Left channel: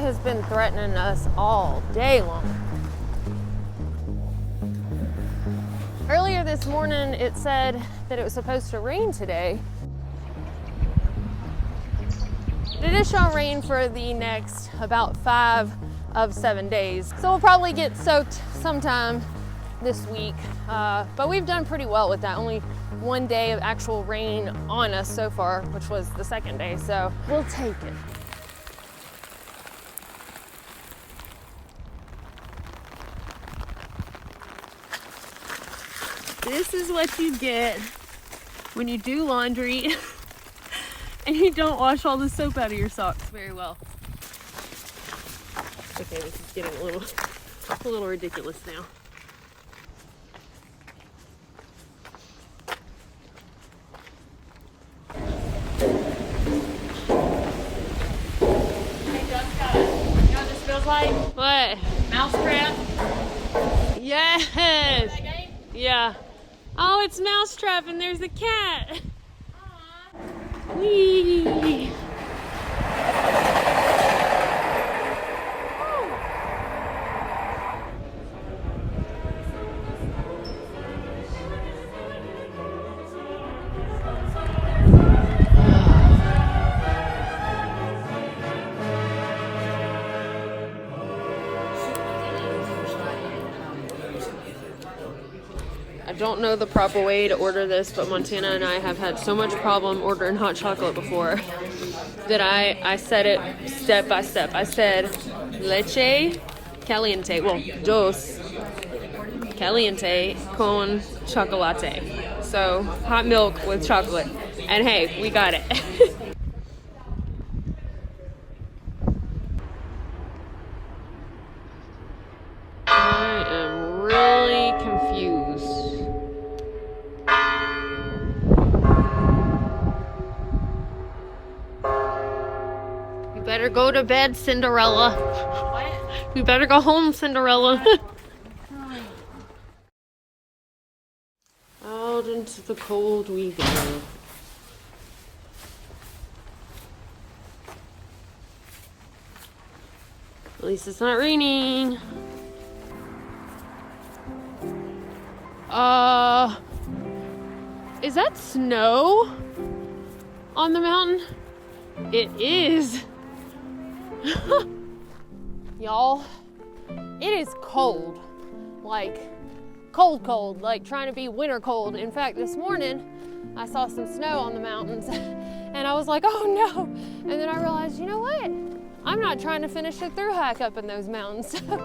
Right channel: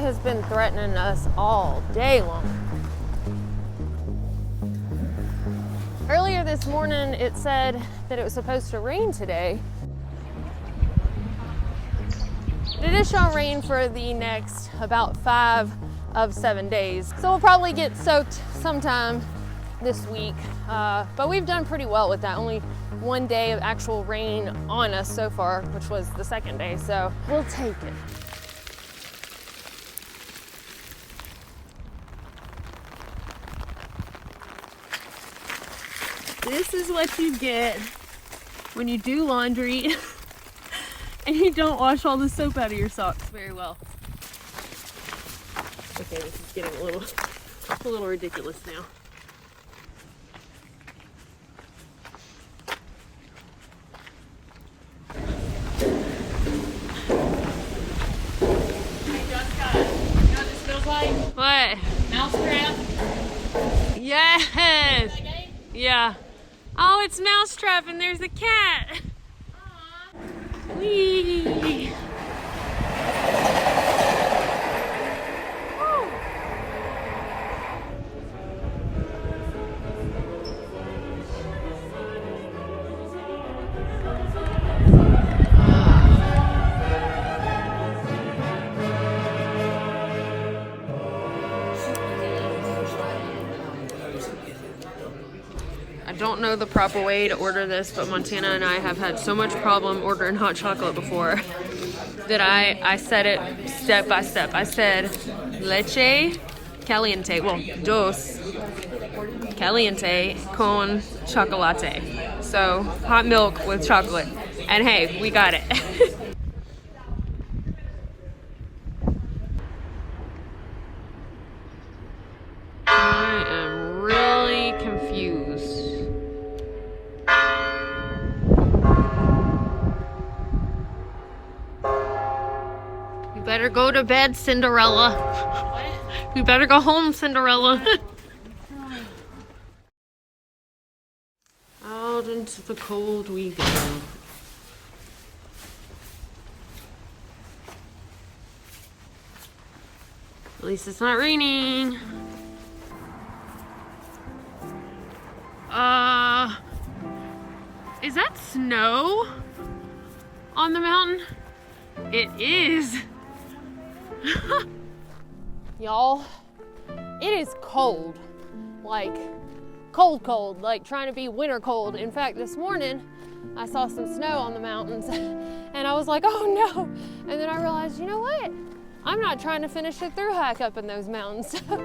it has been threatening us all day long. Earlier this morning, it said that it was supposed to rain today. It is showing rain for the next about 5 of 7 days. So we'll probably get soaked sometime this week. But we've done pretty well with that. Only 1 day of actual rain on us so far, which was the 2nd day. So we'll take it. This is what you get when you do laundry and you don't wash all the soap out of your socks very well. Okay, this is getting a little ridiculous though. What? Mousetrap. Yes. Yeah. Oh, it's Mousetrap and there's the cat. Whee. I don't know the proper way to order this, but Montana and I have had so much problem ordering hot chocolate before that I said it step by step. I said leche caliente, well, dos caliente con chocolate. So hot milk with chocolate. And hey, we got it. I am really confused. You better go to bed, Cinderella. What? You better go home, Cinderella. Out into the cold we go. At least it's not raining. Is that snow on the mountain? It is. Y'all, it is cold. Like, cold, like trying to be winter cold. In fact, this morning, I saw some snow on the mountains and I was like, oh no. And then I realized, you know what? I'm not trying to finish a thru-hike up in those mountains. So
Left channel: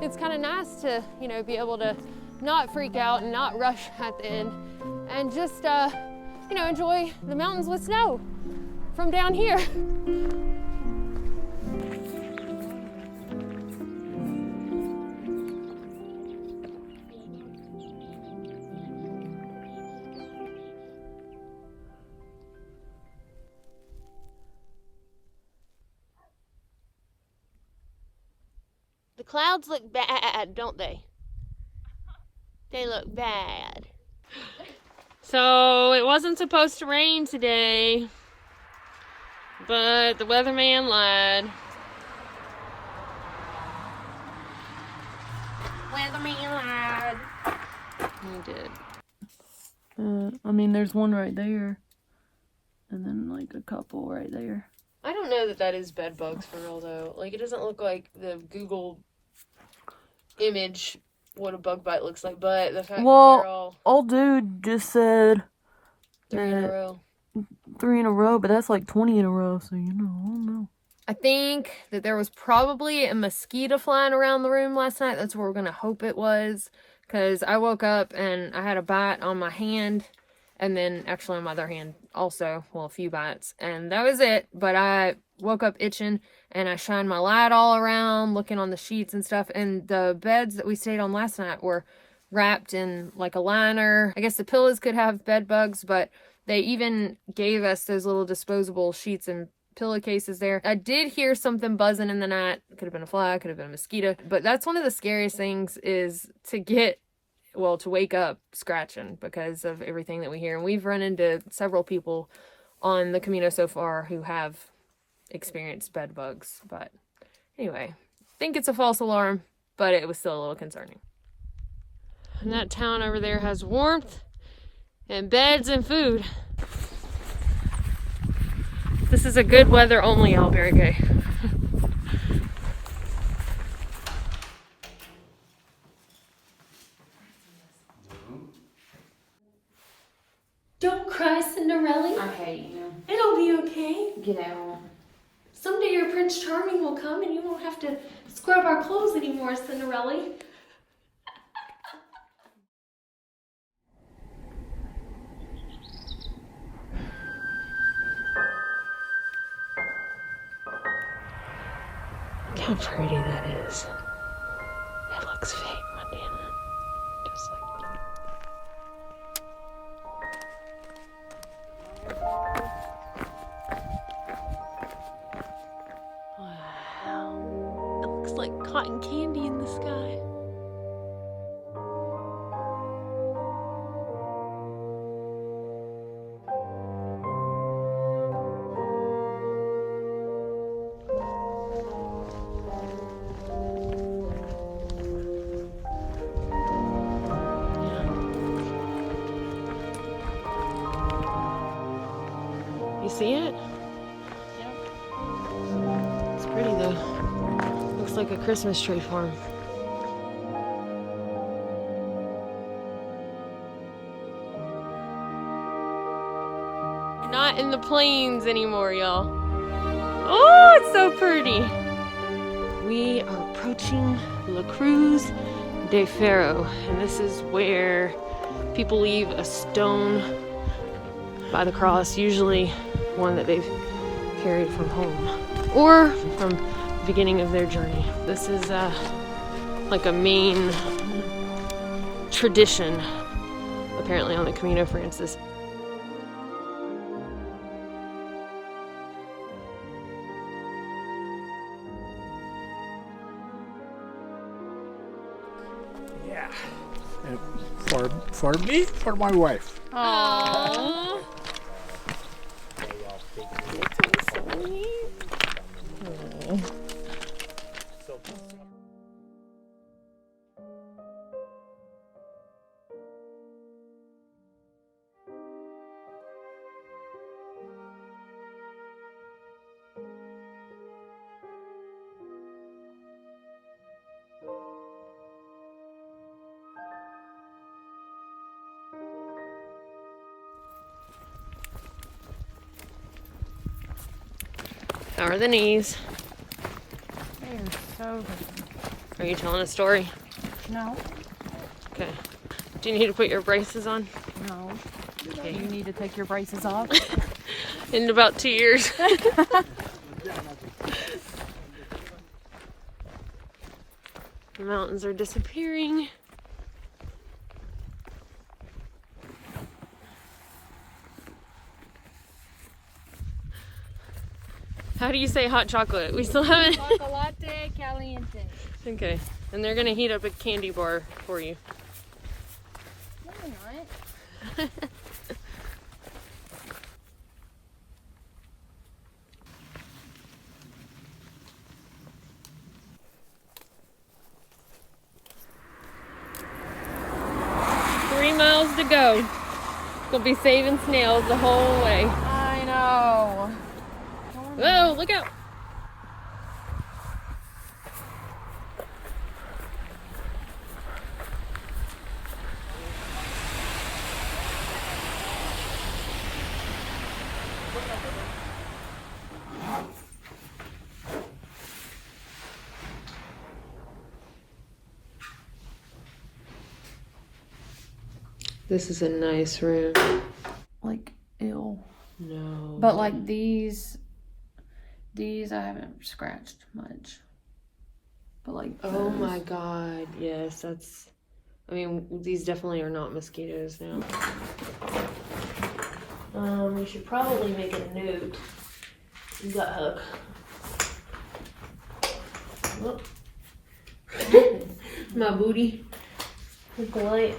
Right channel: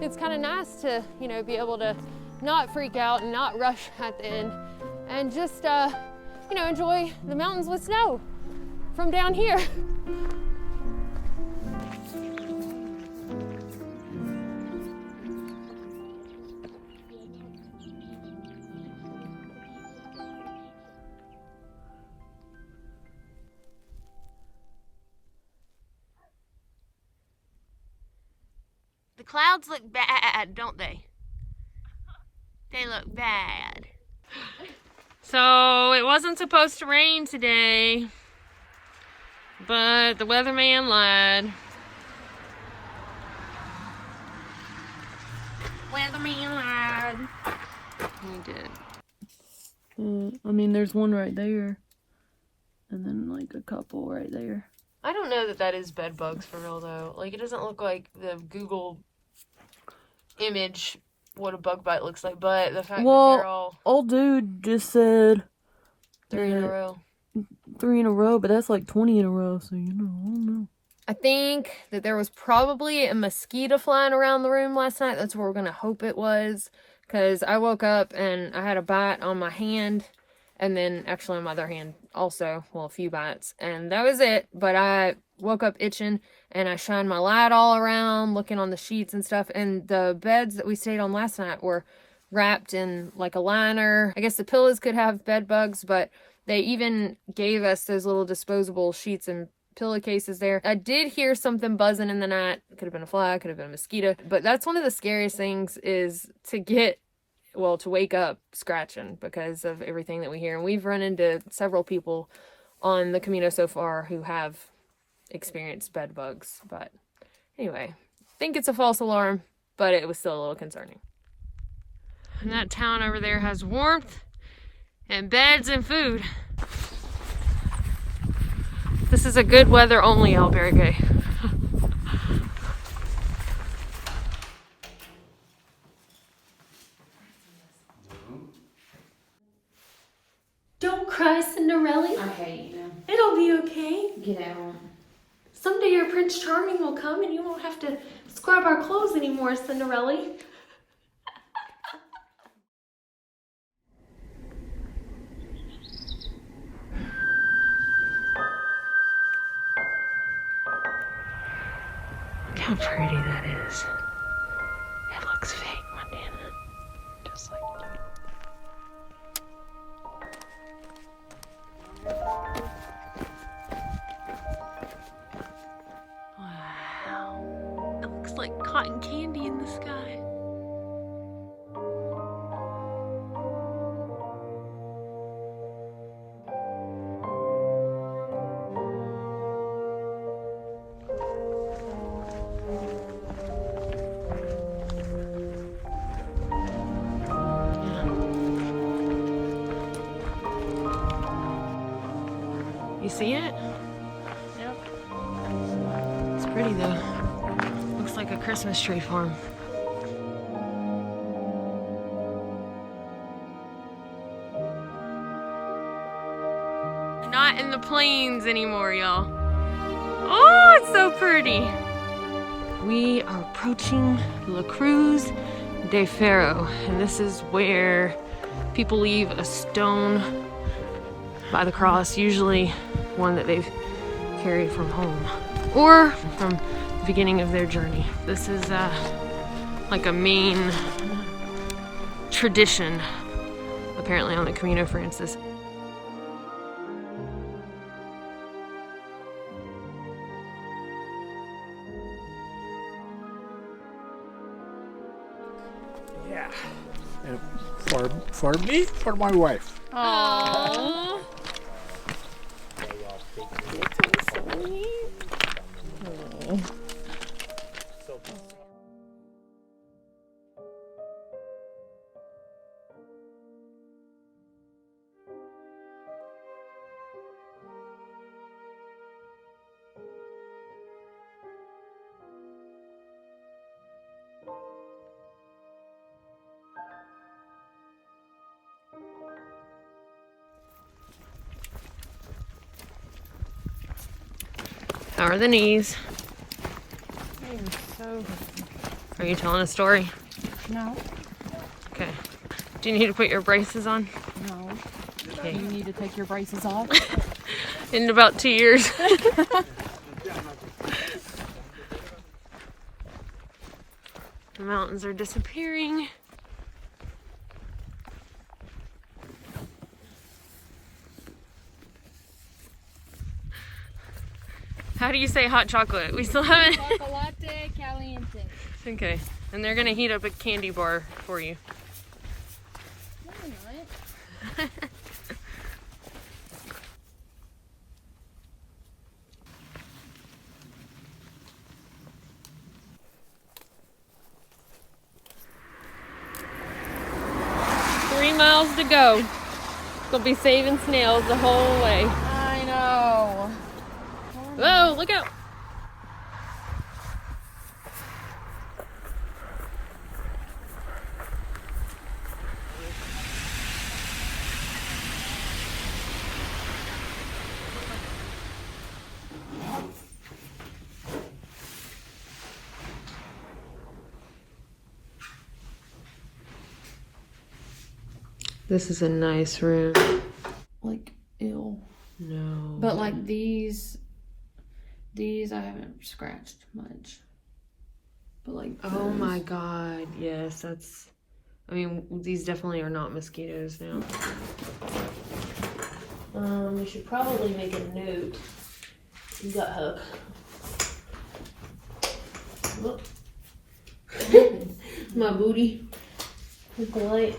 it's kind of nice to, you know, be able to not freak out and not rush at the end and just, you know, enjoy the mountains with snow from down here. The clouds look bad, don't they? They look bad. So it wasn't supposed to rain today, but the weatherman lied. Weatherman lied. He did. I mean, there's one right there, and then like a couple right there. I don't know that that is bed bugs for real though. Like, it doesn't look like the Google image what a bug bite looks like, but the fact that they're all... old dude just said 3 in a row. 3 in a row, but that's like 20 in a row, so you know, I don't know. I think that there was probably a mosquito flying around the room last night. That's what we're gonna hope it was, because I woke up and I had a bite on my hand, and then actually on my other hand also, well, a few bites, and that was it. But I woke up itching, and I shined my light all around, looking on the sheets and stuff, and the beds that we stayed on last night were wrapped in like a liner. I guess the pillows could have bed bugs, but they even gave us those little disposable sheets and pillowcases there. I did hear something buzzing in the night. It could have been a fly, could have been a mosquito, but that's one of the scariest things, is to get, well, to wake up scratching because of everything that we hear. And we've run into several people on the Camino so far who have experienced bed bugs, but Anyway, I think it's a false alarm, but it was still a little concerning. And that town over there has warmth and beds and food. This is a good weather only albergue. Don't cry, Cinderella. I hate you. It'll be okay. Get out. Someday your Prince Charming will come and you won't have to scrub our clothes anymore, Cinderella. Look how pretty that is. It looks fake, Montana. Just like wow. It looks like cotton candy in the sky. You see it? It's pretty though. Looks like a Christmas tree farm. We're not in the plains anymore, y'all. Oh, it's so pretty. We are approaching La Cruz de Ferro, and this is where people leave a stone by the cross, usually one that they've carried from home or from the beginning of their journey. This is like a main tradition apparently on the Camino Francis. Yeah. And for me, for my wife. Aww. How are the knees? They are so Are you telling a story? No, Okay. Do you need to put your braces on? no. Okay. You need to take your braces off. In about 2 years. The mountains are disappearing. How do you say hot chocolate? We still haven't. Chocolate caliente. Okay. And they're gonna heat up a candy bar for you. No, what? 3 miles to go. Gonna be saving snails the whole way. I know. Whoa, look out! This is a nice room. Like, ew. No. But like these I haven't scratched much. But like Oh those. my god, yes, that's... I mean, these definitely are not mosquitoes now. We should probably make a note. Gut hook. Whoop. My booty. With the light.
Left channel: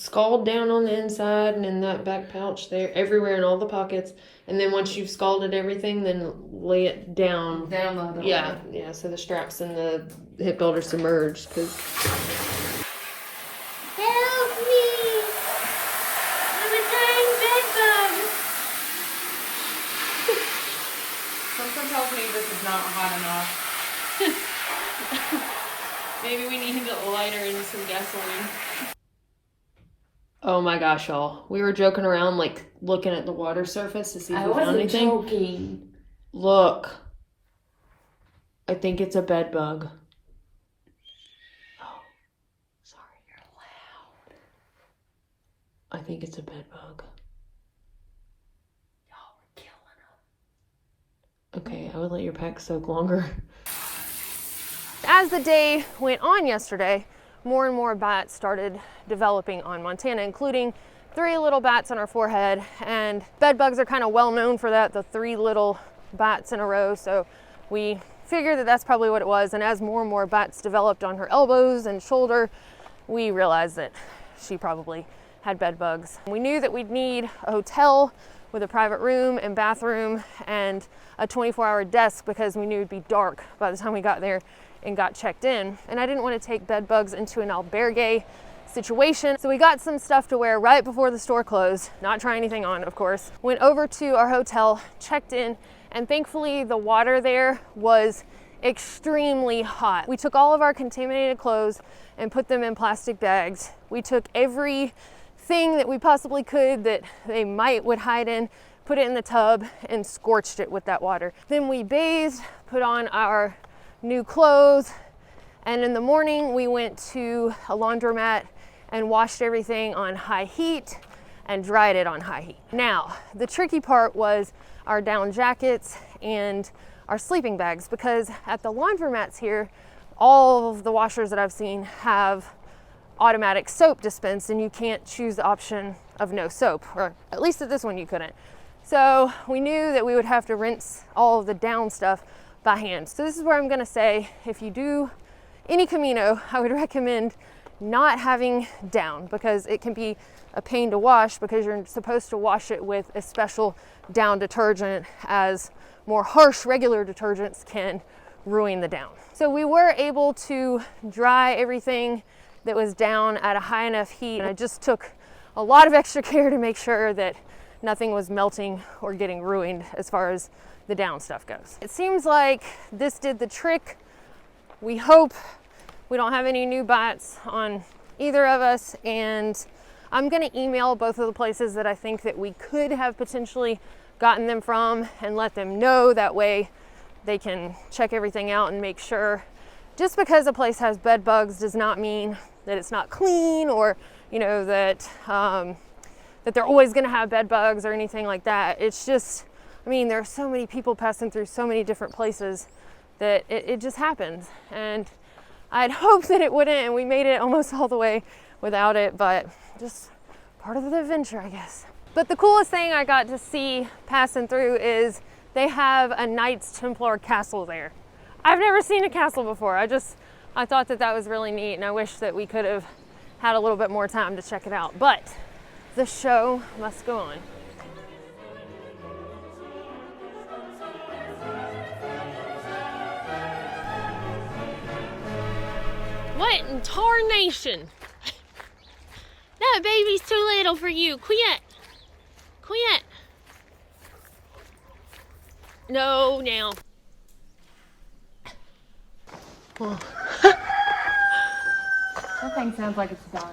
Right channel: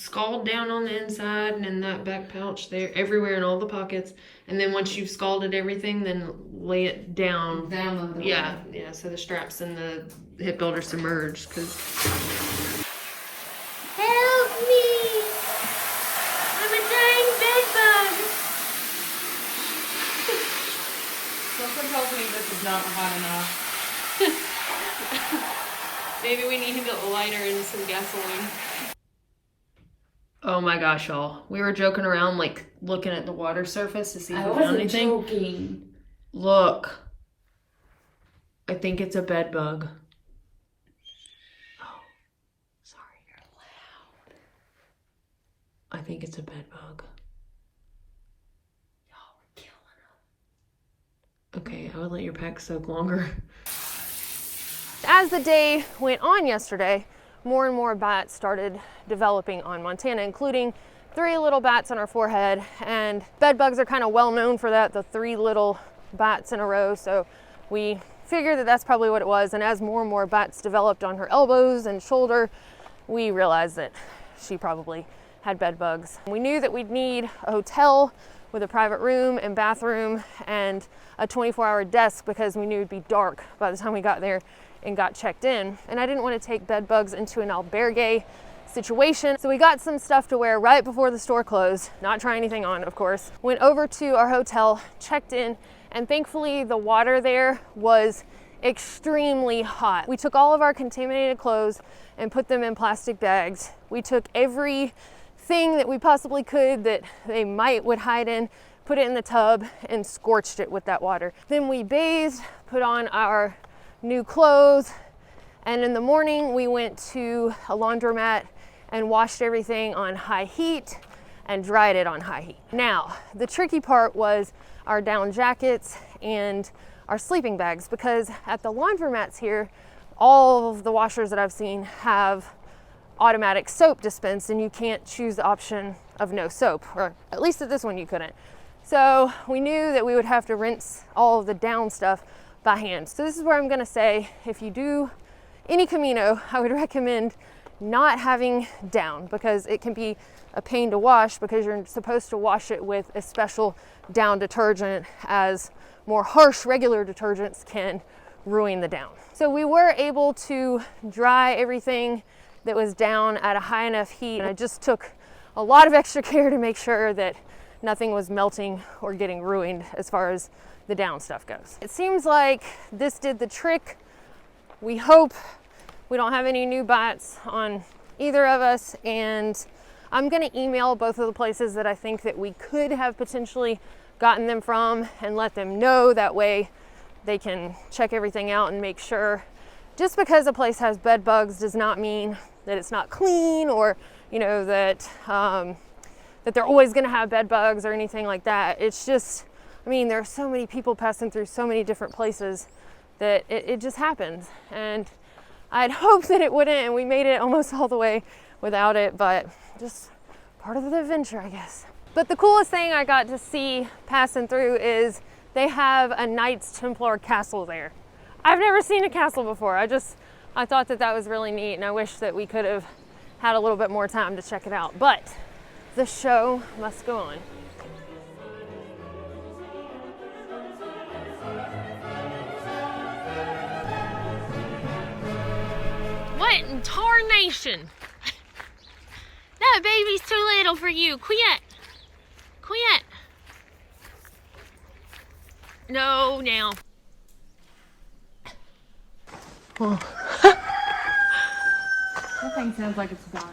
Scald down on the inside and in that back pouch there, everywhere in all the pockets. And then once you've scalded everything, then lay it down. Down the Yeah, yeah, so the straps and the hip builder submerged, because... Help me! I'm a dying bed bug! Something tells me this is not hot enough. Maybe we need to light her in some gasoline. Oh my gosh, y'all. We were joking around, like, looking at the water surface to see if we found anything. Joking. Look. I think it's a bed bug. Oh, sorry, you're loud. I think it's a bed bug. Y'all, we're killing them. Okay, I would let your pack soak longer. As the day went on yesterday, more and more bats started developing on Montana, including 3 little bats on our forehead. And bed bugs are kind of well known for that, the 3 little bats in a row. So we figured that that's probably what it was. And as more and more bats developed on her elbows and shoulder, we realized that she probably had bed bugs. We knew that we'd need a hotel with a private room and bathroom and a 24-hour desk, because we knew it'd be dark by the time we got there and got checked in. And I didn't want to take bed bugs into an albergue situation. So we got some stuff to wear right before the store closed, not try anything on, of course. Went over to our hotel, checked in, and thankfully the water there was extremely hot. We took all of our contaminated clothes and put them in plastic bags. We took everything that we possibly could that they would hide in, put it in the tub, and scorched it with that water. Then we bathed, put on our new clothes, and in the morning we went to a laundromat and washed everything on high heat and dried it on high heat. Now, the tricky part was our down jackets and our sleeping bags, because at the laundromats here, all of the washers that I've seen have automatic soap dispense, and you can't choose the option of no soap, or at least at this one you couldn't. So we knew that we would have to rinse all of the down stuff by hand. So this is where I'm gonna say, if you do any Camino, I would recommend not having down, because it can be a pain to wash, because you're supposed to wash it with a special down detergent, as more harsh regular detergents can ruin the down. So we were able to dry everything that was down at a high enough heat, and I just took a lot of extra care to make sure that nothing was melting or getting ruined as far as the down stuff goes. It seems like this did the trick. We hope we don't have any new bites on either of us, and I'm gonna email both of the places that I think that we could have potentially gotten them from and let them know. That way they can check everything out and make sure. Just because a place has bed bugs does not mean that it's not clean, or that that they're always gonna have bed bugs or anything like that. It's just, I mean, there are so many people passing through so many different places that it just happens. And I'd hoped that it wouldn't, and we made it almost all the way without it, but just part of the adventure, I guess. But the coolest thing I got to see passing through is they have a Knights Templar castle there. I've never seen a castle before. I thought that was really neat, and I wish that we could have had a little bit more time to check it out. But the show must go on. What in tarnation? That baby's too little for you. Quit. Quit. No, now. Oh. That thing sounds like it's dying.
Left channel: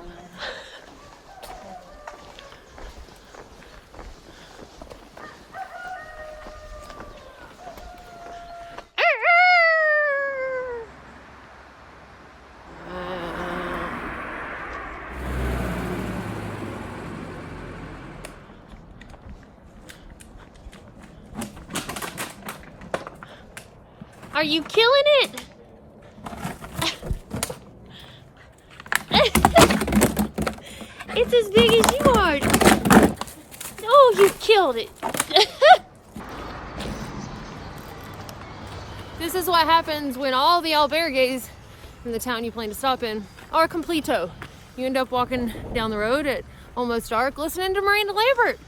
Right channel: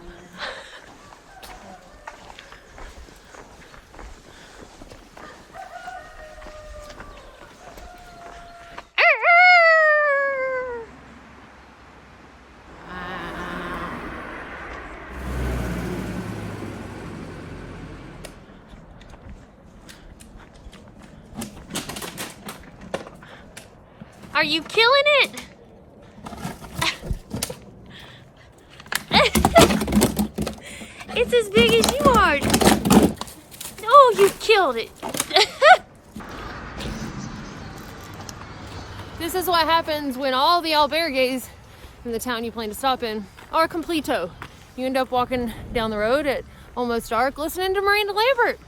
Are you killing it? It's as big as you are. Oh, you killed it. This is what happens when all the albergues in the town you plan to stop in are completo. You end up walking down the road at almost dark listening to Miranda Lambert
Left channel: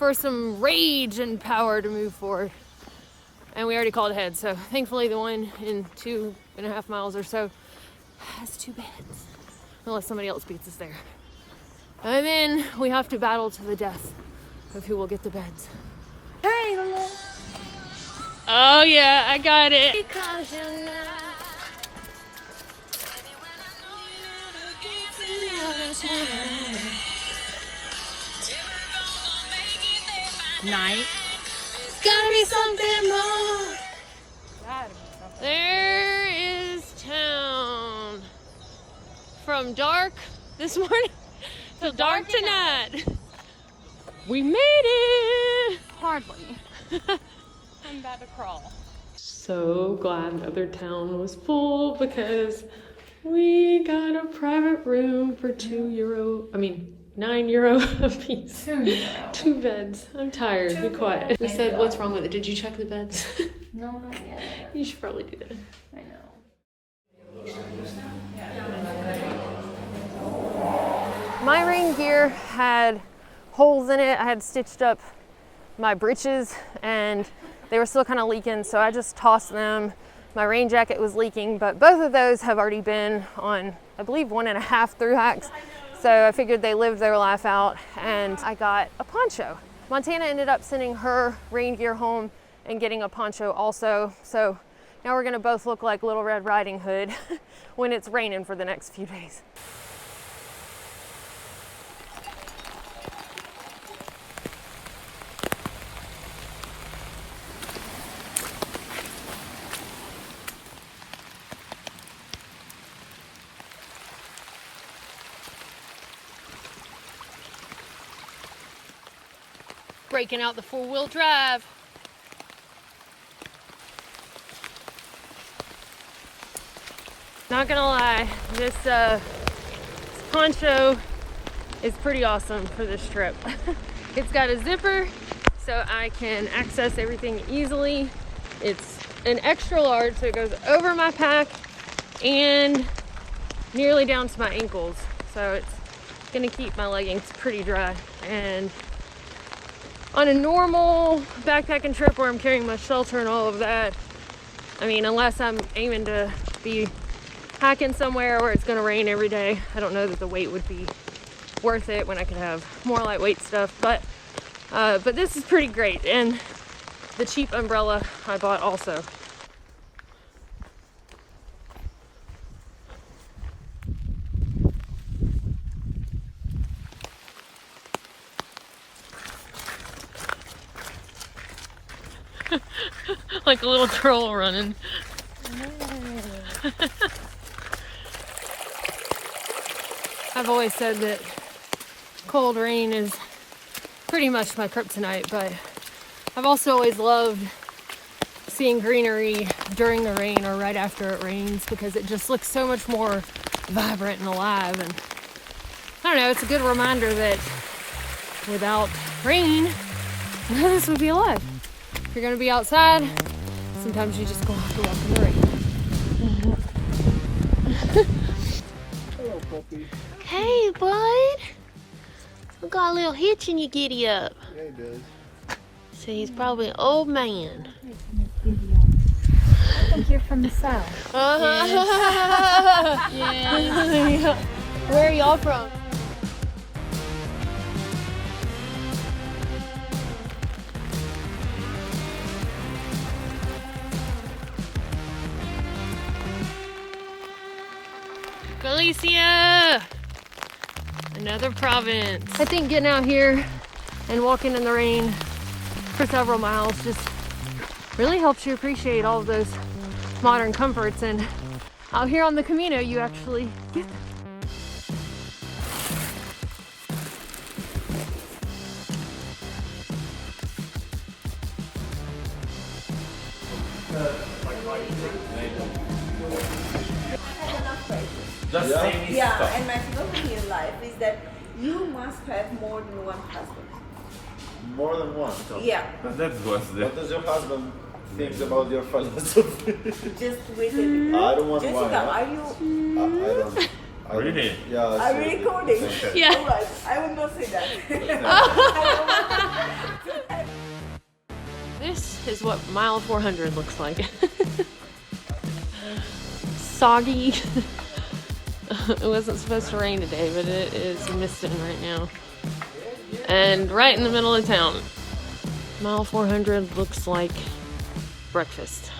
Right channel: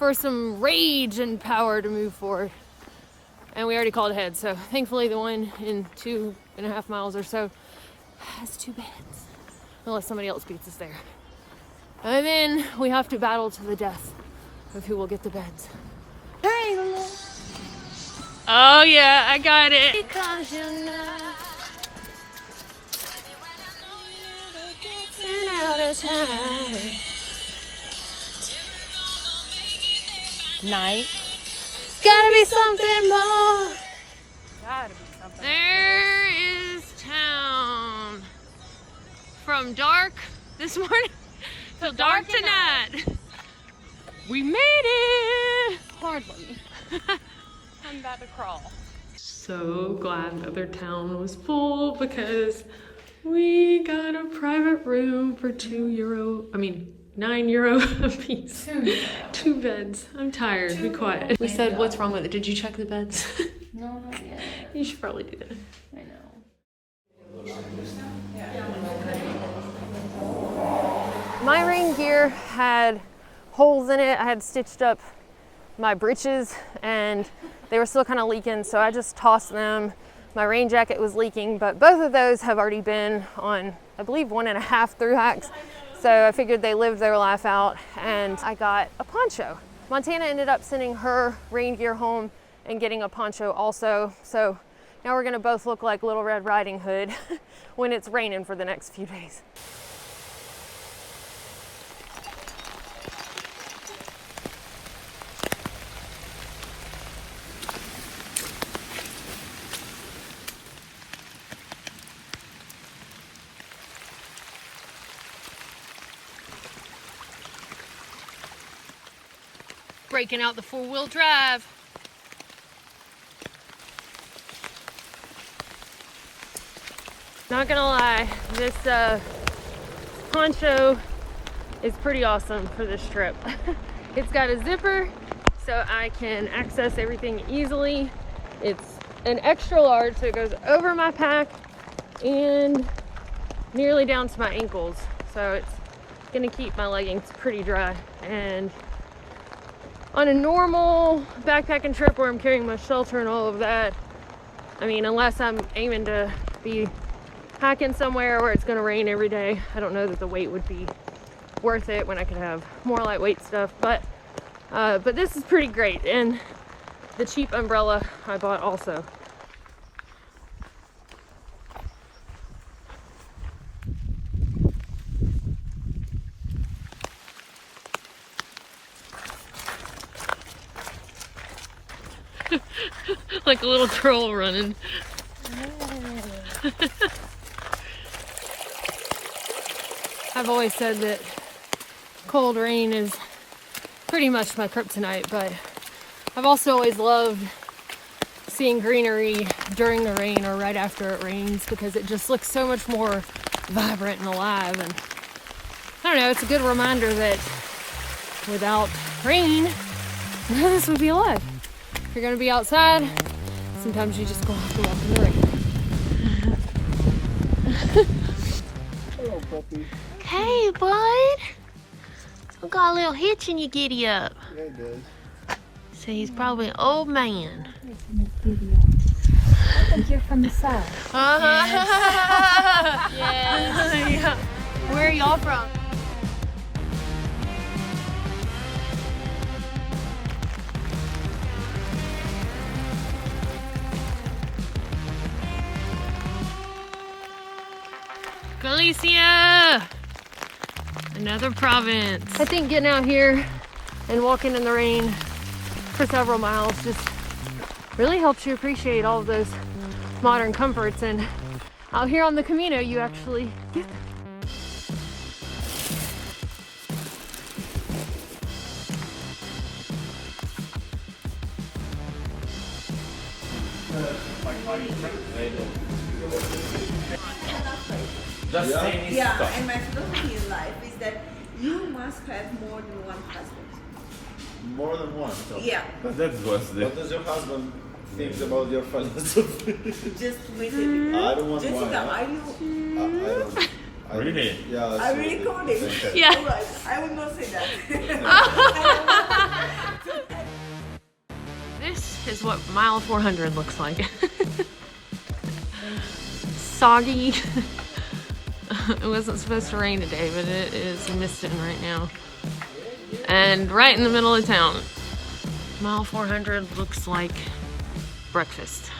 for some rage and power to move forward. And we already called ahead, so thankfully the one in 2.5 miles or so has 2 beds, unless somebody else beats us there. And then we have to battle to the death of who will get the beds. Oh yeah, I got it. Because you're not night. Gotta be something more. There is town. From dark this morning till dark tonight. We made it. Hardly. I'm about to crawl. So glad another town was full because we got a private room for €9 a piece. 2 beds. I'm tired. Be quiet. We said, what's wrong with it? Did you check the beds? No, not yet. You should probably do that. I know. My rain gear had holes in it. I had stitched up my breeches and they were still kind of leaking, so I just tossed them. My rain jacket was leaking, but both of those have already been on, I believe, 1.5 thru hikes. So I figured they lived their life out, and I got a poncho. Montana ended up sending her rain gear home and getting a poncho also. So now we're gonna both look like Little Red Riding Hood when it's raining for the next few days. Breaking out the four-wheel drive. Not gonna lie, this poncho is pretty awesome for this trip. It's got a zipper so I can access everything easily. It's an extra large, so it goes over my pack and nearly down to my ankles. So it's gonna keep my leggings pretty dry. And on a normal backpacking trip where I'm carrying my shelter and all of that, I mean, unless I'm aiming to be hiking somewhere where it's gonna rain every day, I don't know that the weight would be worth it when I could have more lightweight stuff. But this is pretty great, and the cheap umbrella I bought also. Like a little troll running. I've always said that cold rain is pretty much my kryptonite, but I've also always loved seeing greenery during the rain or right after it rains because it just looks so much more vibrant and alive. And I don't know, it's a good reminder that without rain, none of this would be alive. If you're gonna be outside, sometimes you just have to walk in the rain. Hello, puppy. Hey, bud. I got a little hitch in your giddy up. Yeah, he does. So he's probably an old man. I think you're from the south. Yeah. Where are y'all from? Galicia! Another province. I think getting out here and walking in the rain for several miles just really helps you appreciate all of those modern comforts, and out here on the Camino you actually get them. Yeah, and my philosophy in life is that you must have more than one husband. More than one. Yeah. But that was the. What does your husband think about your philosophy? Just wait a minute. I don't want Jessica, one. are you? I don't. Really? Yeah. Are you recording? Okay. Yeah. All right. I would not say that. is what mile 400 looks like. Soggy. It wasn't supposed to rain today, but it is misting right now. And right in the middle of town. Mile 400 looks like breakfast.